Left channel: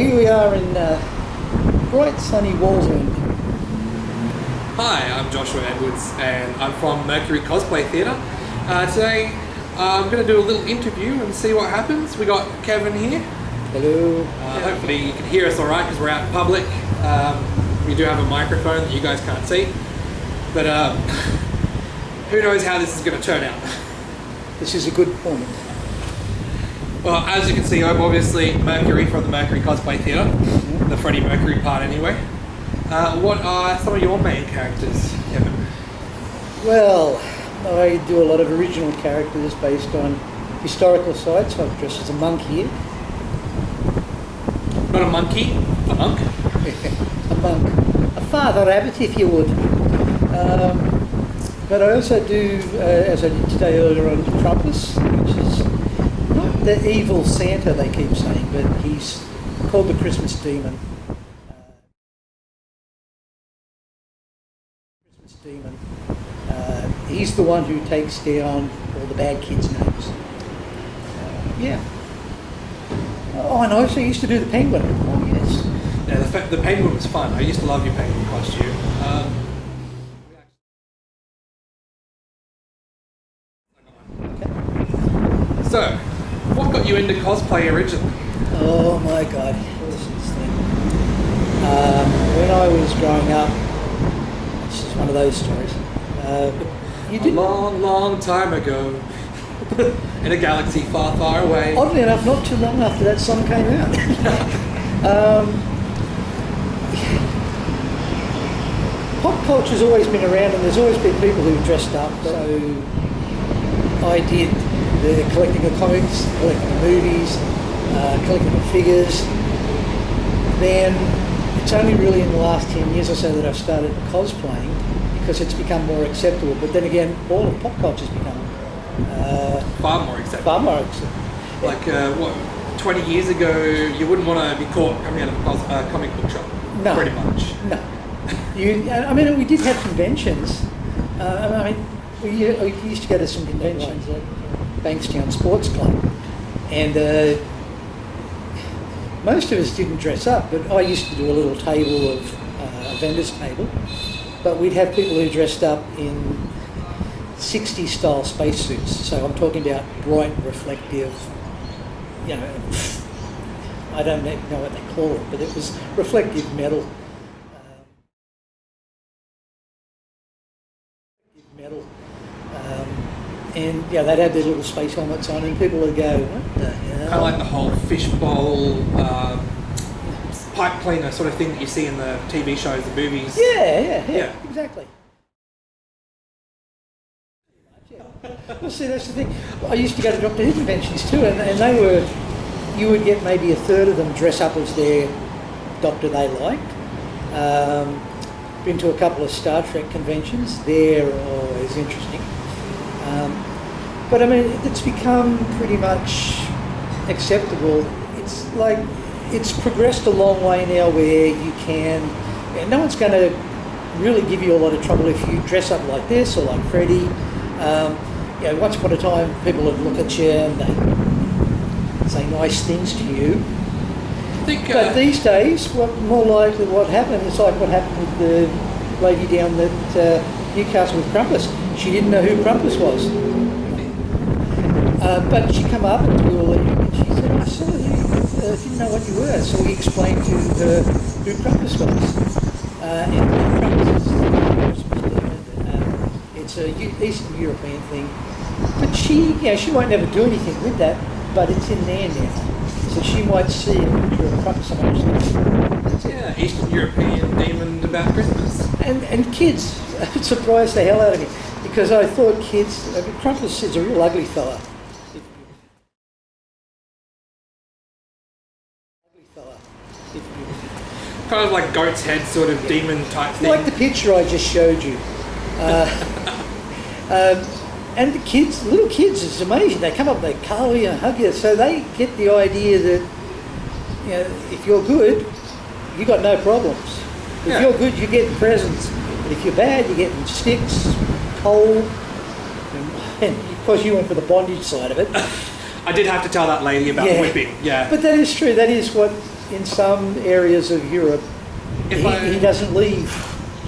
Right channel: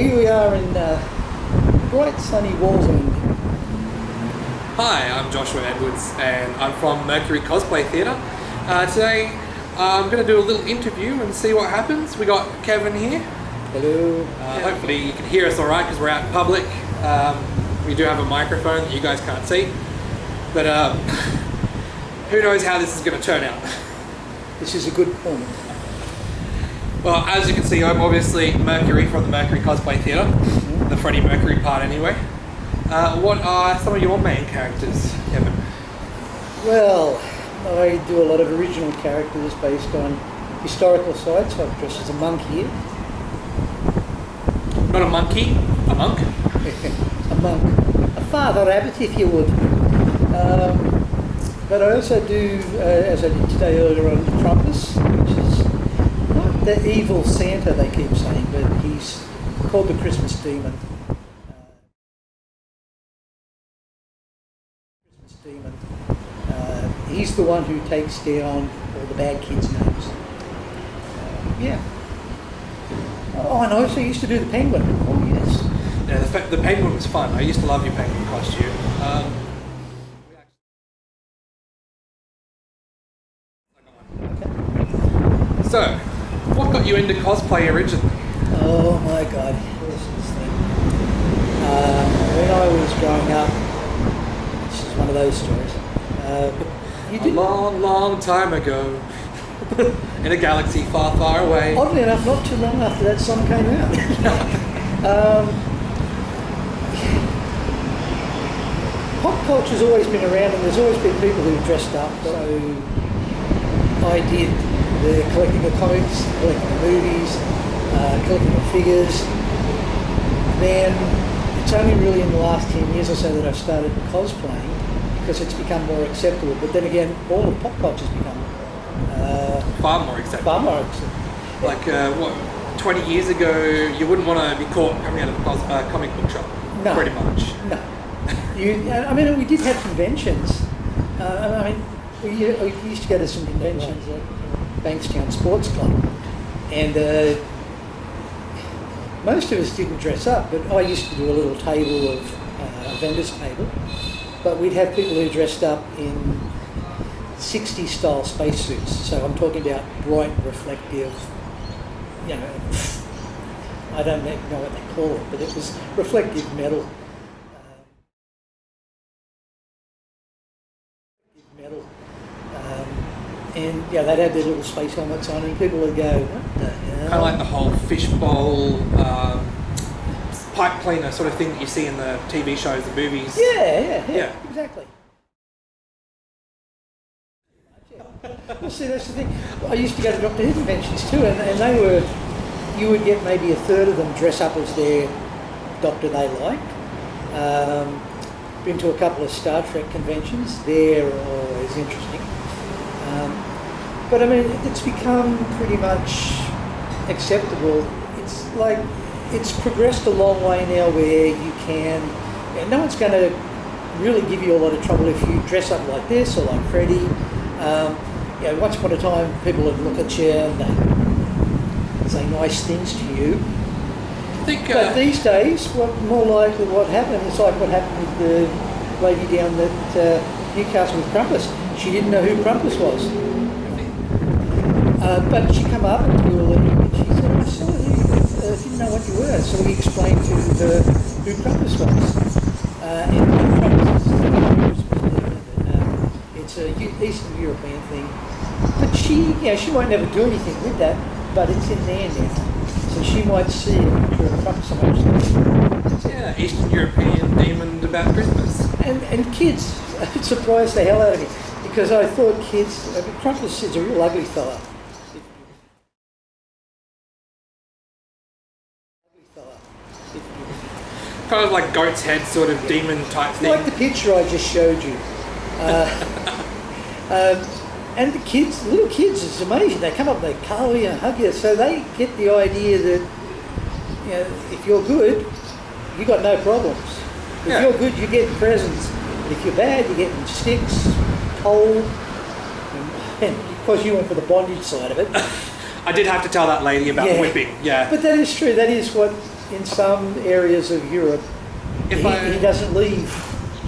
here we are in bright sunny Walsend. Hi, I'm Joshua Edwards and I'm from Mercury Cosplay Theatre. Today I'm going to do a little interview and see what happens. We got Kevin here. Hello. Hopefully you can hear us alright because we're out in public. We do have a microphone that you guys can't see. But who knows how this is going to turn out. This is a good point. Well, as you can see, I'm obviously Mercury from the Mercury Cosplay Theatre. The Freddie Mercury part anyway. What are some of your main characters, Kevin? Well, I do a lot of original characters based on historical sites. I've dressed as a monk here. Not a monkey, a monk? A monk. A father abbot, if you would. But I also do, as I did today earlier on, Krampus, which is not the evil Santa they keep saying, but he's called the Christmas demon. He's the one who takes down all the bad kids' names. Yeah. Oh, and I also used to do the penguin. Oh, yes. Yeah, the penguin was fun. I used to love your penguin costume. Okay. So, what got you into cosplay originally? Oh my God. This is thing. When I was growing up, this is one of those stories. A long, long time ago, in a galaxy far, far away. Oddly enough, not too long after that song came out. Pop culture's always been around, and there's always been people who've dressed up. So I did the collecting of comics, collecting of movies, collecting of figures. Then it's only really in the last 10 years or so that I've started cosplaying, because it's become more acceptable. But then again, all of pop culture's become far more acceptable. Far more acceptable. Like, 20 years ago, you wouldn't want to be caught coming out of a comic book shop. No. Pretty much. No. I mean, we did have conventions. We used to go to some conventions like Bankstown Sports Club. And most of us didn't dress up, but I used to do a little table of a vendor's table. But we'd have people who dressed up in 60s style spacesuits. So I'm talking about bright, reflective, I don't know what they call it, but it was reflective metal. And they'd have their little space helmets on, and people would go, "What the hell?" Kind of like the whole fishbowl, pipe cleaner sort of thing that you see in the TV shows, the movies. Yeah, exactly. Well, see, that's the thing. I used to go to Doctor Who conventions too, and they were, you would get maybe a third of them dress up as their doctor they liked. Been to a couple of Star Trek conventions. They're always interesting. But I mean, it's become pretty much acceptable. It's like, it's progressed a long way now where you can, no one's going to really give you a lot of trouble if you dress up like this or like Freddie. Once upon a time, people would look at you and they say nice things to you. But these days, more likely what happened is like what happened with the lady down at Newcastle with Krampus. She didn't know who Krampus was. But she come up and we were leaving and she said, I saw you, didn't know what you were. So we explained to her who Krampus was. And Krampus is the Christmas demon. It's an Eastern European thing. But she might never do anything with that, but it's in there now. So she might see a picture of a Krampus and that's it. Yeah, Eastern European demon about Christmas. And kids, it surprised the hell out of me, because I thought Krampus is a real ugly fella. Kind of like goat's head sort of demon type thing. Like the picture I just showed you. And the kids, little kids, it's amazing. They come up, they cuddle you and hug you. So they get the idea that, if you're good, you got no problems. If you're good, you're getting presents. But if you're bad, you're getting sticks, cold. And of course, you went for the bondage side of it. I did have to tell that lady about whipping. Yeah. But that is true. That is what in some areas of Europe, he doesn't leave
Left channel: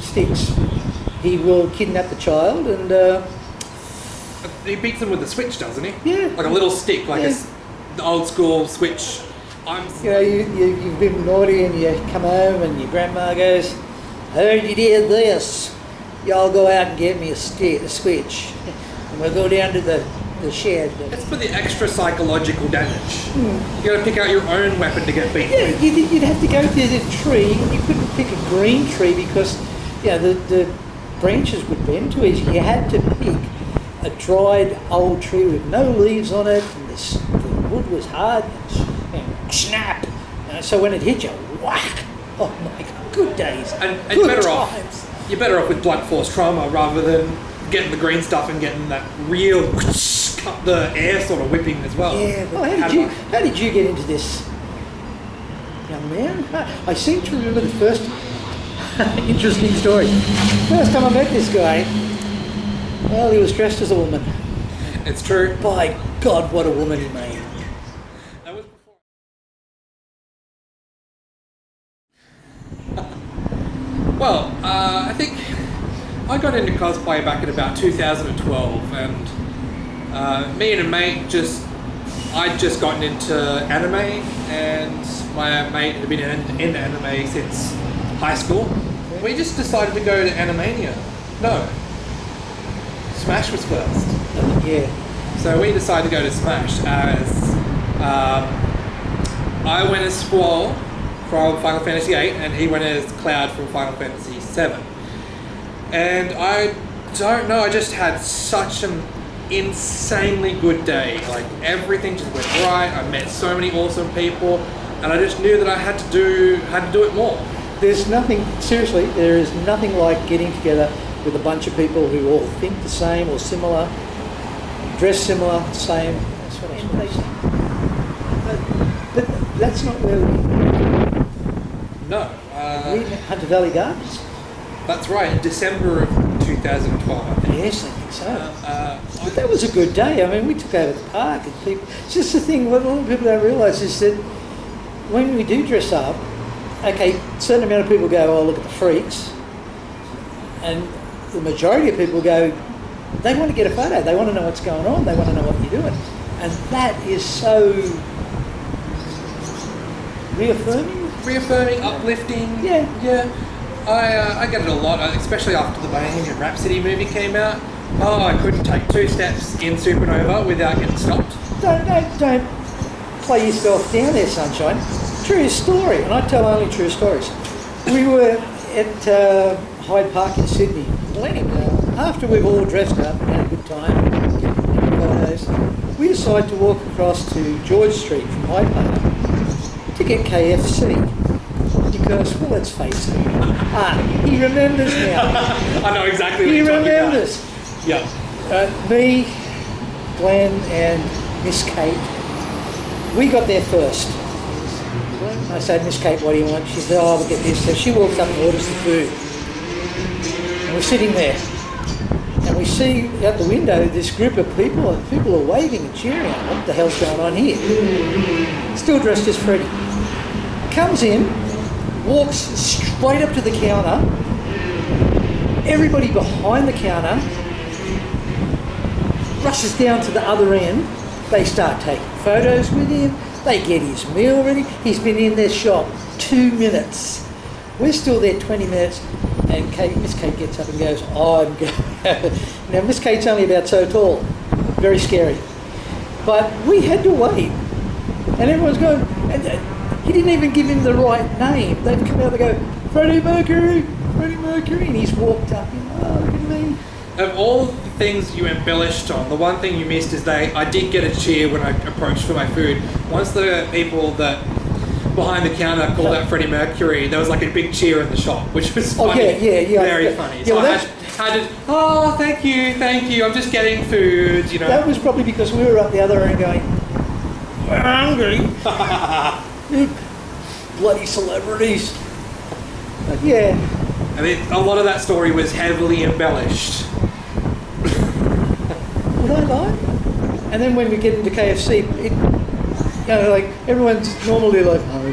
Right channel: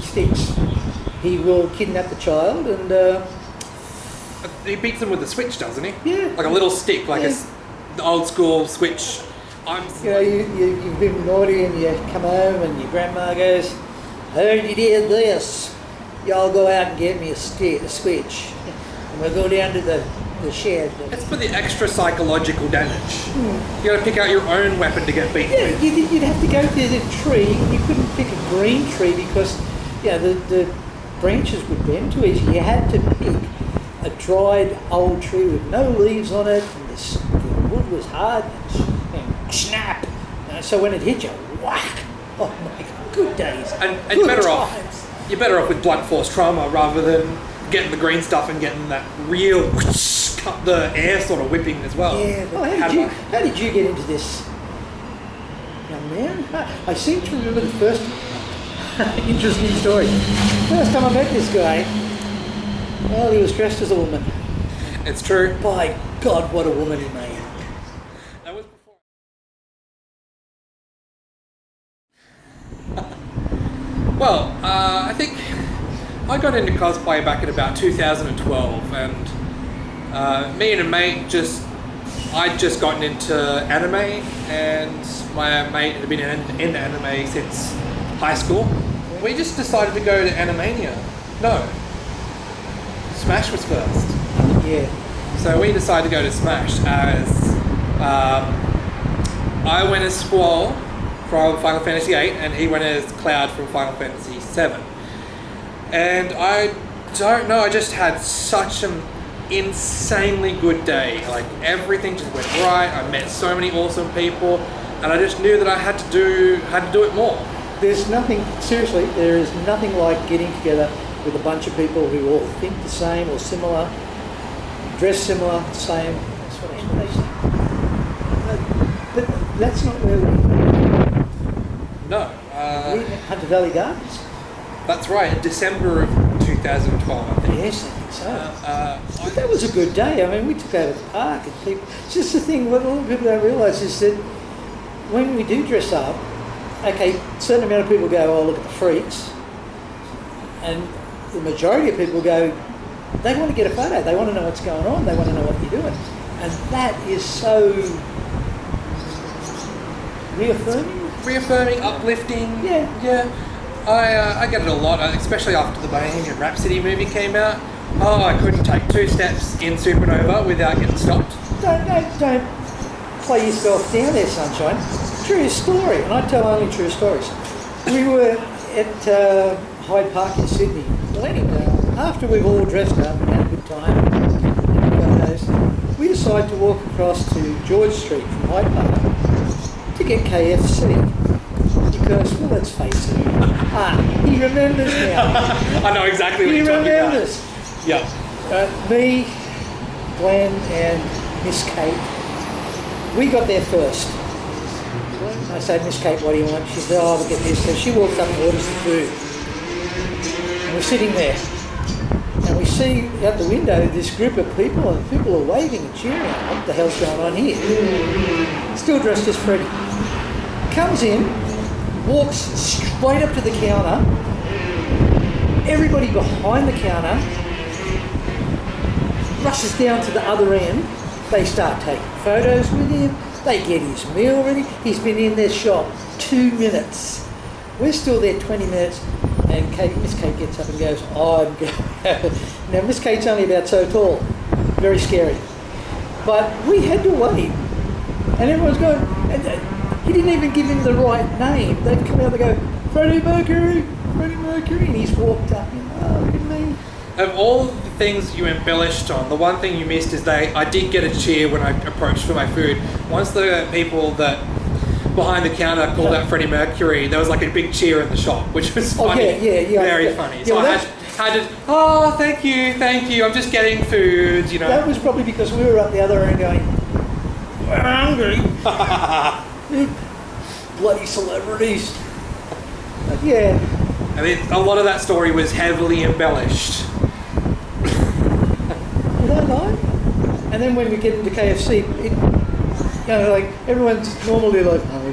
sticks. He will kidnap the child and... he beats them with a switch, doesn't he? Yeah. Like a little stick, like the old school switch. You've been naughty and you come home and your grandma goes, heard you did this. Y'all go out and get me a switch. And we'll go down to the shed. It's for the extra psychological damage. You got to pick out your own weapon to get beaten with. You'd have to go to the tree and you couldn't pick a green tree because the branches would bend too easy. You had to pick a dried old tree with no leaves on it, and the wood was hard and snap. So when it hit you, whack! Oh my God, good days. And good you're better times. You're better off with blunt force trauma rather than getting the green stuff and getting that real cut the air sort of whipping as well. Yeah. Well, how did you get into this, young man? I seem to remember the first interesting story. First time I met this guy. Well, he was dressed as a woman. It's true. By God, what a woman he made. That was before. Well, I think I got into cosplay back in about 2012, and me and a mate I'd just gotten into anime, and my mate had been in anime since high school. We just decided to go to Animania. No. Smash was first. Yeah. So we decided to go to Smash as I went as Squall from Final Fantasy VIII and he went as Cloud from Final Fantasy VII. And I don't know, I just had such an insanely good day. Like everything just went right. I met so many awesome people, and I just knew that I had to do it more. There's nothing, seriously, there is nothing like getting together with a bunch of people who all think the same or similar, dress similar, same. That's what I suppose. But that's not where we met. No. We met Hunter Valley Gardens. That's right, in December of 2012, I think. Yes, I think so. But that was a good day. I mean, we took over the park and people... It's just the thing, what a lot of people don't realise is that when we do dress up, okay, a certain amount of people go, oh, look at the freaks. And the majority of people go, they want to get a photo, they want to know what's going on, they want to know what you're doing. And that is so reaffirming, uplifting. Yeah. I get it a lot, especially after the Bohemian Rhapsody movie came out. Oh, I couldn't take 2 steps in Supernova without getting stopped. Don't play yourself down there, sunshine. True story, and I tell only true stories. We were at Hyde Park in Sydney. Well, anyway, after we've all dressed up and had a good time and photos, we decided to walk across to George Street from Hyde Park to get KFC. Because, well, let's face it, he remembers now. I know exactly what you're talking about. He remembers. Yeah. Me, Glenn, and Miss Kate, we got there first. I said, Miss Kate, what do you want? She said, oh, we'll get this. So she walks up and orders the food. And we're sitting there. And we see out the window this group of people, and people are waving and cheering. What the hell's going on here? Still dressed as Freddy. Comes in, walks straight up to the counter. Everybody behind the counter rushes down to the other end. They start taking photos with him. They get his meal ready. He's been in their shop 2 minutes. We're still there 20 minutes. And Miss Kate gets up and goes, oh, I'm going. Now, Miss Kate's only about so tall. Very scary. But we had to wait. And everyone's going, and he didn't even give him the right name. They'd come out, they go, Freddie Mercury. And he's walked up and, oh, look at me. Of all the things you embellished on, the one thing you missed is I did get a cheer when I approached for my food. Once the people that behind the counter called out Freddie Mercury, there was like a big cheer in the shop, which was funny. Oh, yeah. Very funny. So I had to, oh, thank you, I'm just getting food, you know. That was probably because we were up the other end going, we're hungry. Bloody celebrities. But yeah. I mean, a lot of that story was heavily embellished. Would I lie? And then when we get into KFC, like everyone's normally like, oh,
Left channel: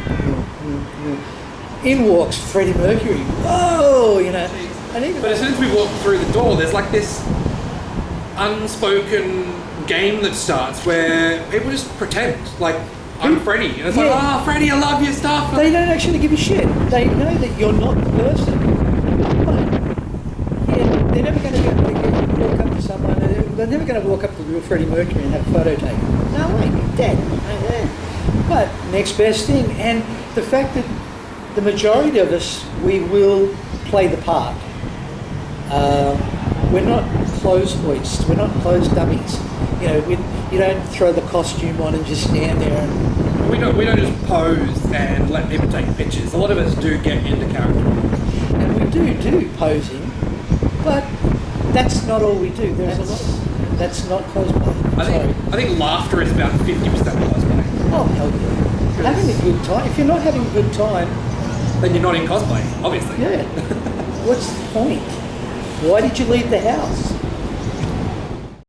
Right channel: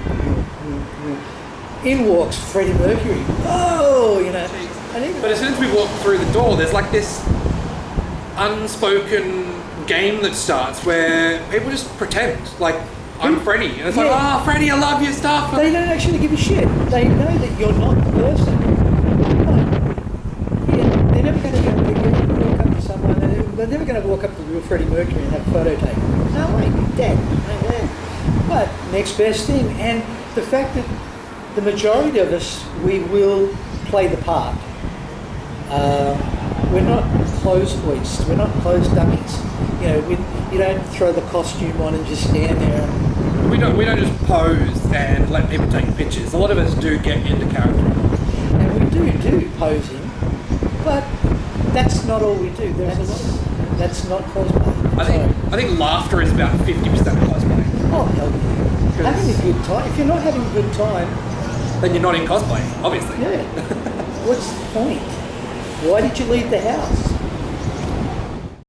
In walks Freddie Mercury. Whoa, you know. And even But as soon as we walk through the door, there's like this unspoken game that starts where people just pretend like I'm Freddie, and it's like, Yeah. oh, Freddie, I love your stuff. they don't actually give a shit. They know that you're not the person. But yeah, they're never going to be able to walk up to someone. They're never going to walk up to real Freddie Mercury and have a photo taken. No way, he's dead. But next best thing, and the fact that the majority of us, we will play the part. We're not clothes hoists. We're not clothes dummies. You know, you don't throw the costume on and just stand there and. We don't just pose and let people take pictures. A lot of us do get into character. And we do posing, but that's not all we do. There's a lot. That's not cosplay. I think laughter is about 50% of cosplay. Oh hell yeah! Having a good time. If you're not having a good time, Then you're not in cosplay, obviously. yeah. What's the point? Why did you leave the house?